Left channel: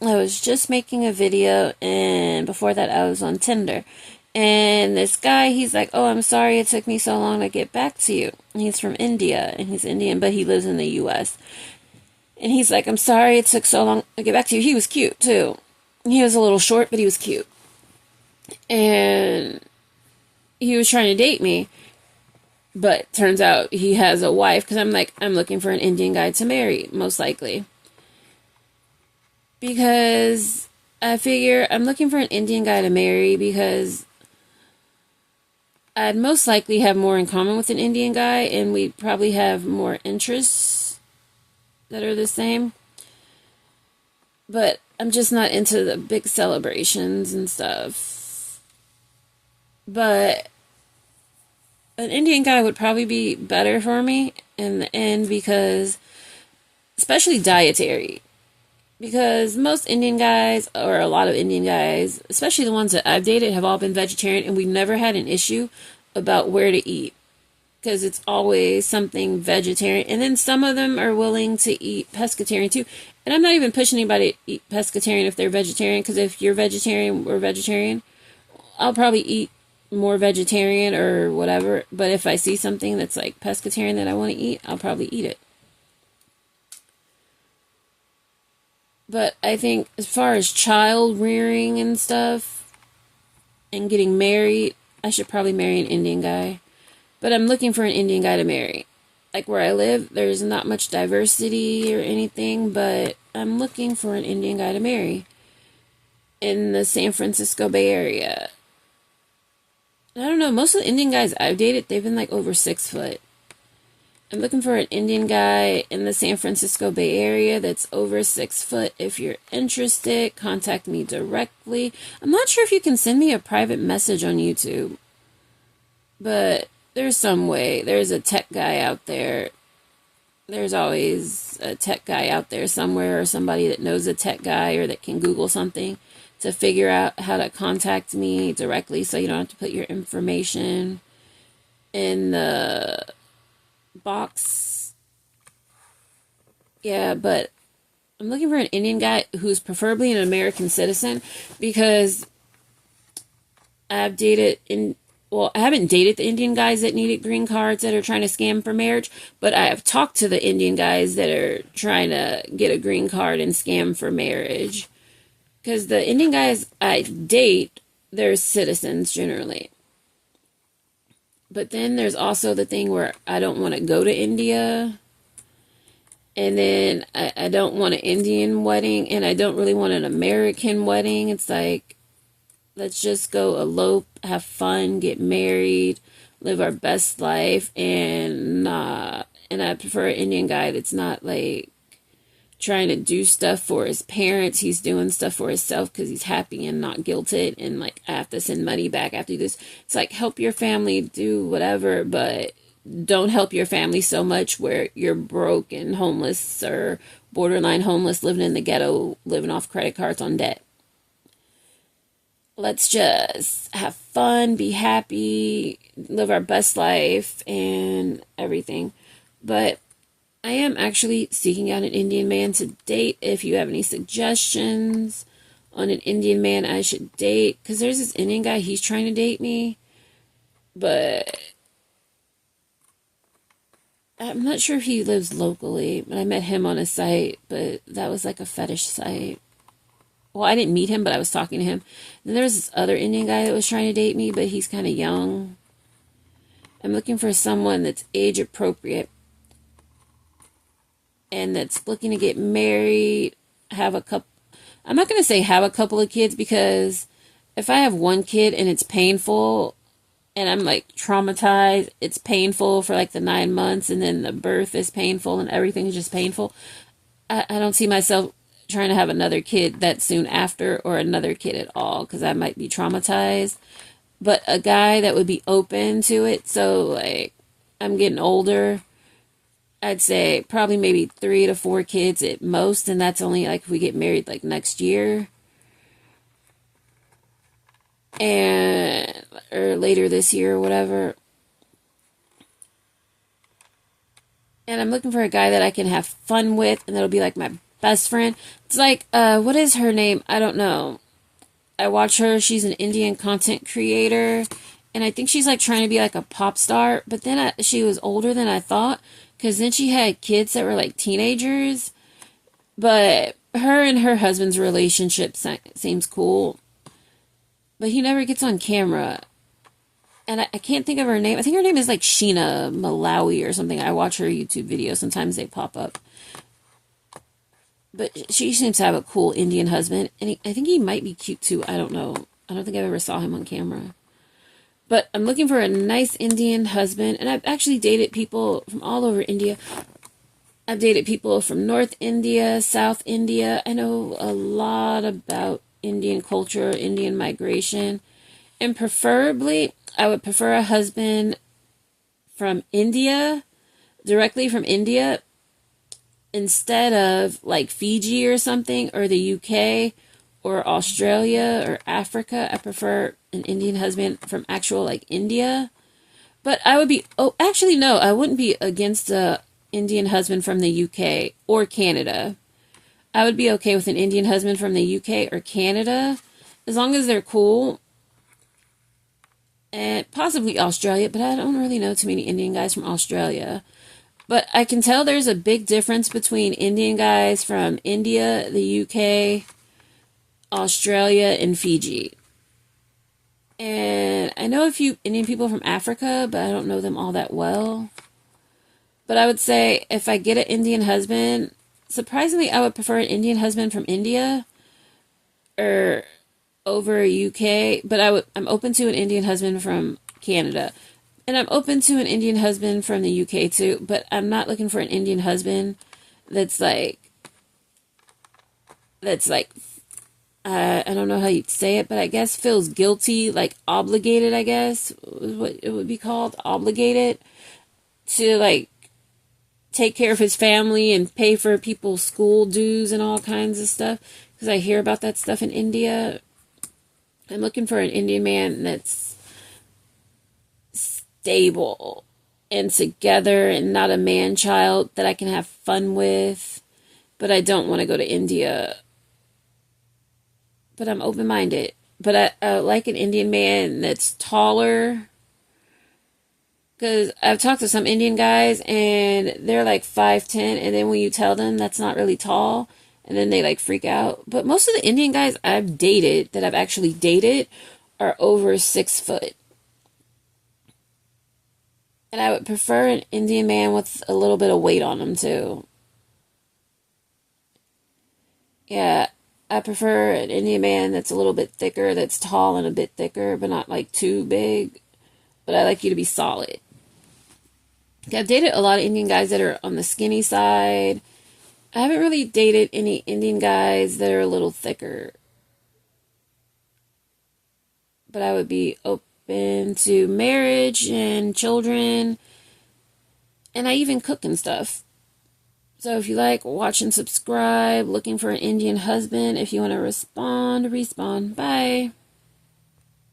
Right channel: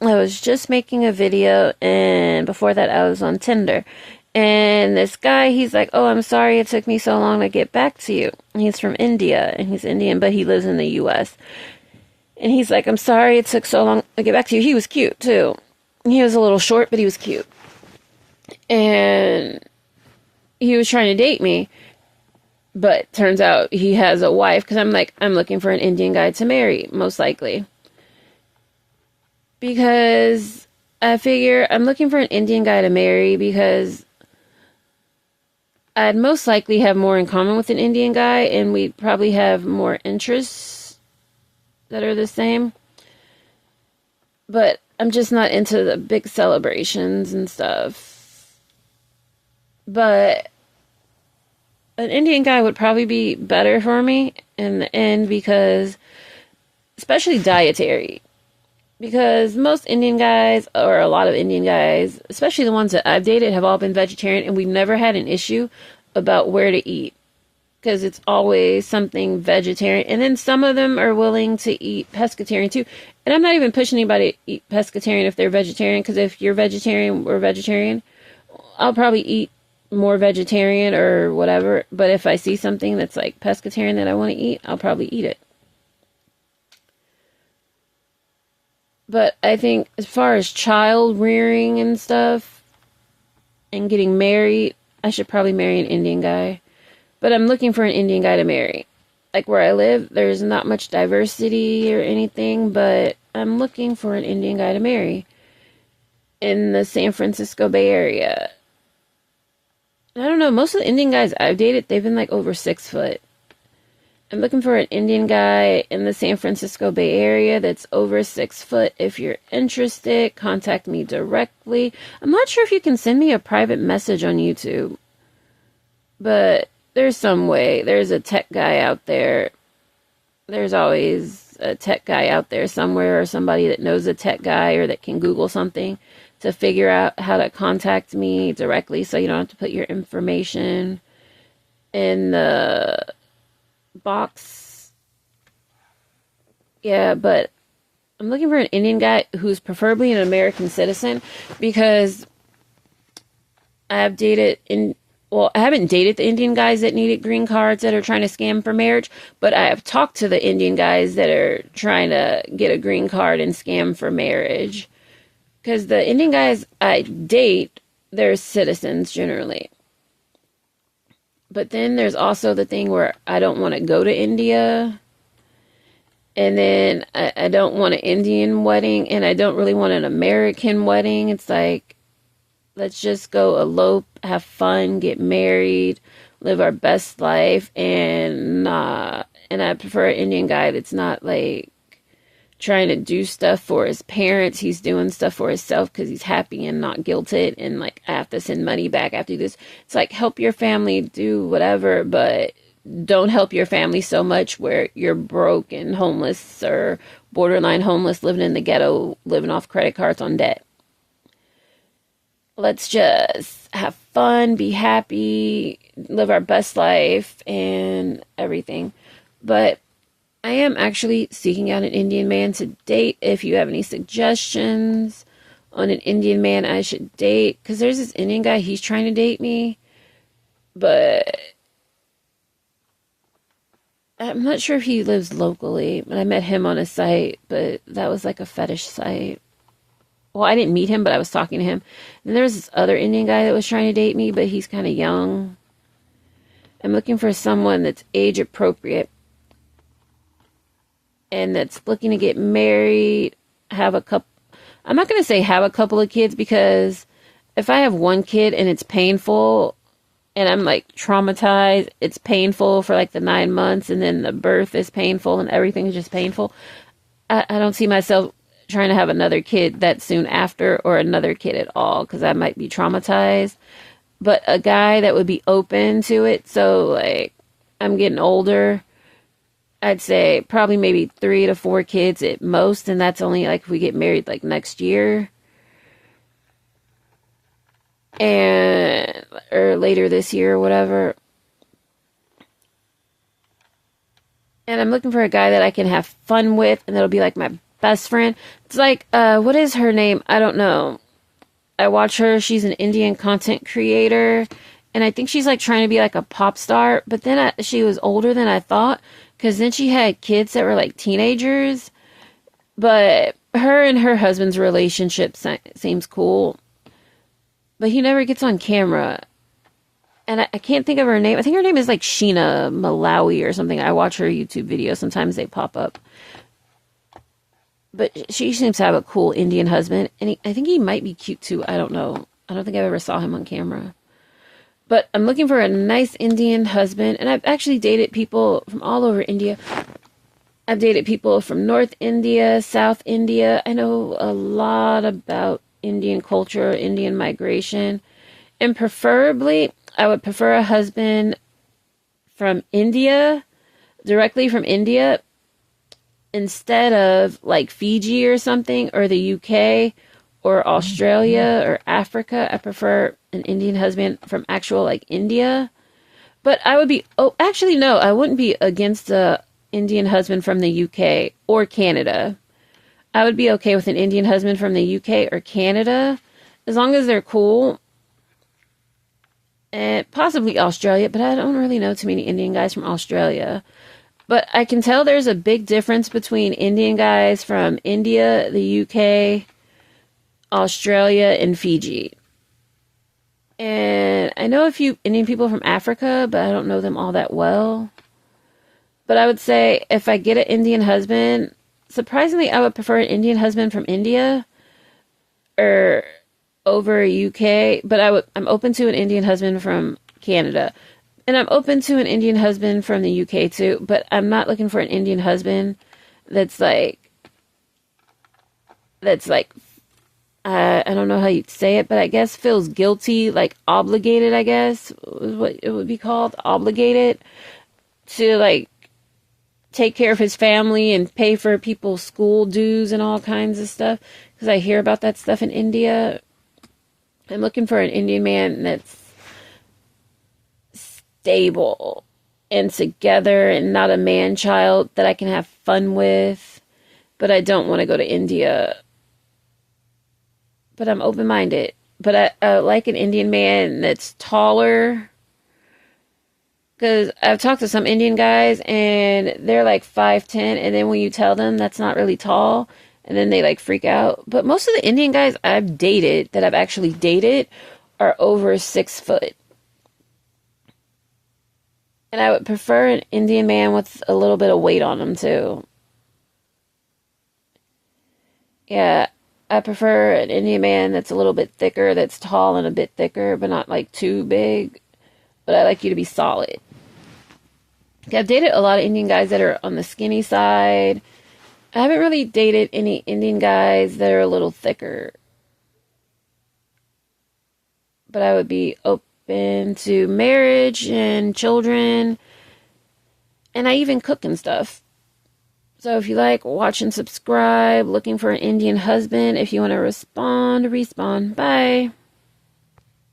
I was just making a video, and before that, I was on Tinder. And this guy, he's like, "Oh, I'm sorry it took me so long to get back to you." And he's from India, and he's Indian, but he lives in the US. And he's like, "I'm sorry it took so long to get back to you." He was cute, too. He was a little short, but he was cute. And he was trying to date me, but turns out he has a wife, because I'm like, I'm looking for an Indian guy to marry, most likely. Because I figure I'm looking for an Indian guy to marry because I'd most likely have more in common with an Indian guy, and we'd probably have more interests that are the same. But I'm just not into the big celebrations and stuff. But an Indian guy would probably be better for me in the end, because, especially dietary. Because most Indian guys, or a lot of Indian guys, especially the ones that I've dated, have all been vegetarian, and we've never had an issue about where to eat. Because it's always something vegetarian. And then some of them are willing to eat pescatarian too. And I'm not even pushing anybody to eat pescatarian if they're vegetarian, because if you're vegetarian or vegetarian, I'll probably eat more vegetarian or whatever. But if I see something that's like pescatarian that I want to eat, I'll probably eat it. But I think as far as child rearing and stuff and getting married, I should probably marry an Indian guy. But I'm looking for an Indian guy to marry. Like where I live, there's not much diversity or anything, but I'm looking for an Indian guy to marry in the San Francisco Bay Area. I don't know, most of the Indian guys I've dated, they've been like over 6 foot. I'm looking for an Indian guy in the San Francisco Bay Area that's over 6 foot. If you're interested, contact me directly. I'm not sure if you can send me a private message on YouTube, but there's some way. There's a tech guy out there. There's always a tech guy out there somewhere, or somebody that knows a tech guy, or that can Google something to figure out how to contact me directly, so you don't have to put your information in the box. Yeah, but I'm looking for an Indian guy who's preferably an American citizen, because I've dated in well, I haven't dated the Indian guys that needed green cards that are trying to scam for marriage, but I have talked to the Indian guys that are trying to get a green card and scam for marriage. Because the Indian guys I date, they're citizens generally. But then there's also the thing where I don't want to go to India. And then I don't want an Indian wedding, and I don't really want an American wedding. It's like, let's just go elope, have fun, get married, live our best life, and I prefer an Indian guy that's not like trying to do stuff for his parents. He's doing stuff for himself because he's happy and not guilted, and like, I have to send money back after this. It's like, help your family do whatever, but don't help your family so much where you're broke and homeless, or borderline homeless, living in the ghetto, living off credit cards on debt. Let's just have fun, be happy, live our best life, and everything. But I am actually seeking out an Indian man to date. If you have any suggestions on an Indian man I should date, because there's this Indian guy, he's trying to date me, but I'm not sure if he lives locally. But I met him on a site, but that was like a fetish site. Well, I didn't meet him, but I was talking to him. Then there's this other Indian guy that was trying to date me, but he's kind of young. I'm looking for someone that's age appropriate and that's looking to get married, have a couple. I'm not going to say have a couple of kids, because if I have one kid and it's painful and I'm like traumatized, it's painful for like the 9 months, and then the birth is painful and everything's just painful. I don't see myself trying to have another kid that soon after, or another kid at all, because I might be traumatized. But a guy that would be open to it, so like, I'm getting older, I'd say probably maybe 3 to 4 kids at most, and that's only like if we get married like next year, and or later this year or whatever. And I'm looking for a guy that I can have fun with, and that'll be like my best friend. It's like, what is her name? I don't know. I watch her. She's an Indian content creator. And I think she's like trying to be like a pop star. But then she was older than I thought. Because then she had kids that were like teenagers. But her and her husband's relationship seems cool. But he never gets on camera. And I can't think of her name. I think her name is like Sheena Malawi or something. I watch her YouTube videos. Sometimes they pop up. But she seems to have a cool Indian husband. And I think he might be cute too. I don't know. I don't think I've ever saw him on camera. But I'm looking for a nice Indian husband. And I've actually dated people from all over India. I've dated people from North India, South India. I know a lot about Indian culture, Indian migration. And preferably, I would prefer a husband from India, directly from India, instead of like Fiji or something, or the UK, or Australia, or Africa. I prefer an Indian husband from actual like India. But I would be, oh, actually, no, I wouldn't be against a Indian husband from the UK or Canada. I would be okay with an Indian husband from the UK or Canada, as long as they're cool. And possibly Australia, but I don't really know too many Indian guys from Australia. But I can tell there's a big difference between Indian guys from India, the UK, Australia, and Fiji. And I know a few Indian people from Africa, but I don't know them all that well. But I would say if I get an Indian husband, surprisingly, I would prefer an Indian husband from India or over UK, but I'm open to an Indian husband from Canada. And I'm open to an Indian husband from the UK too, but I'm not looking for an Indian husband that's like I don't know how you'd say it, but I guess feels guilty, like obligated, I guess is what it would be called, obligated to like take care of his family and pay for people's school dues and all kinds of stuff, because I hear about that stuff in India. I'm looking for an Indian man that's stable and together and not a man-child that I can have fun with. But I don't want to go to India. But I'm open-minded. But I like an Indian man that's taller. Because I've talked to some Indian guys and they're like 5'10", and then when you tell them that's not really tall, and then they like freak out. But most of the Indian guys I've dated, that I've actually dated, are over 6 foot. And I would prefer an Indian man with a little bit of weight on him too. Yeah, I prefer an Indian man that's a little bit thicker, that's tall and a bit thicker, but not like too big. But I like you to be solid. I've dated a lot of Indian guys that are on the skinny side. I haven't really dated any Indian guys that are a little thicker. But I would be open to marriage and children. And I even cook and stuff. So if you like, watch and subscribe. Looking for an Indian husband. If you want to respond. Bye.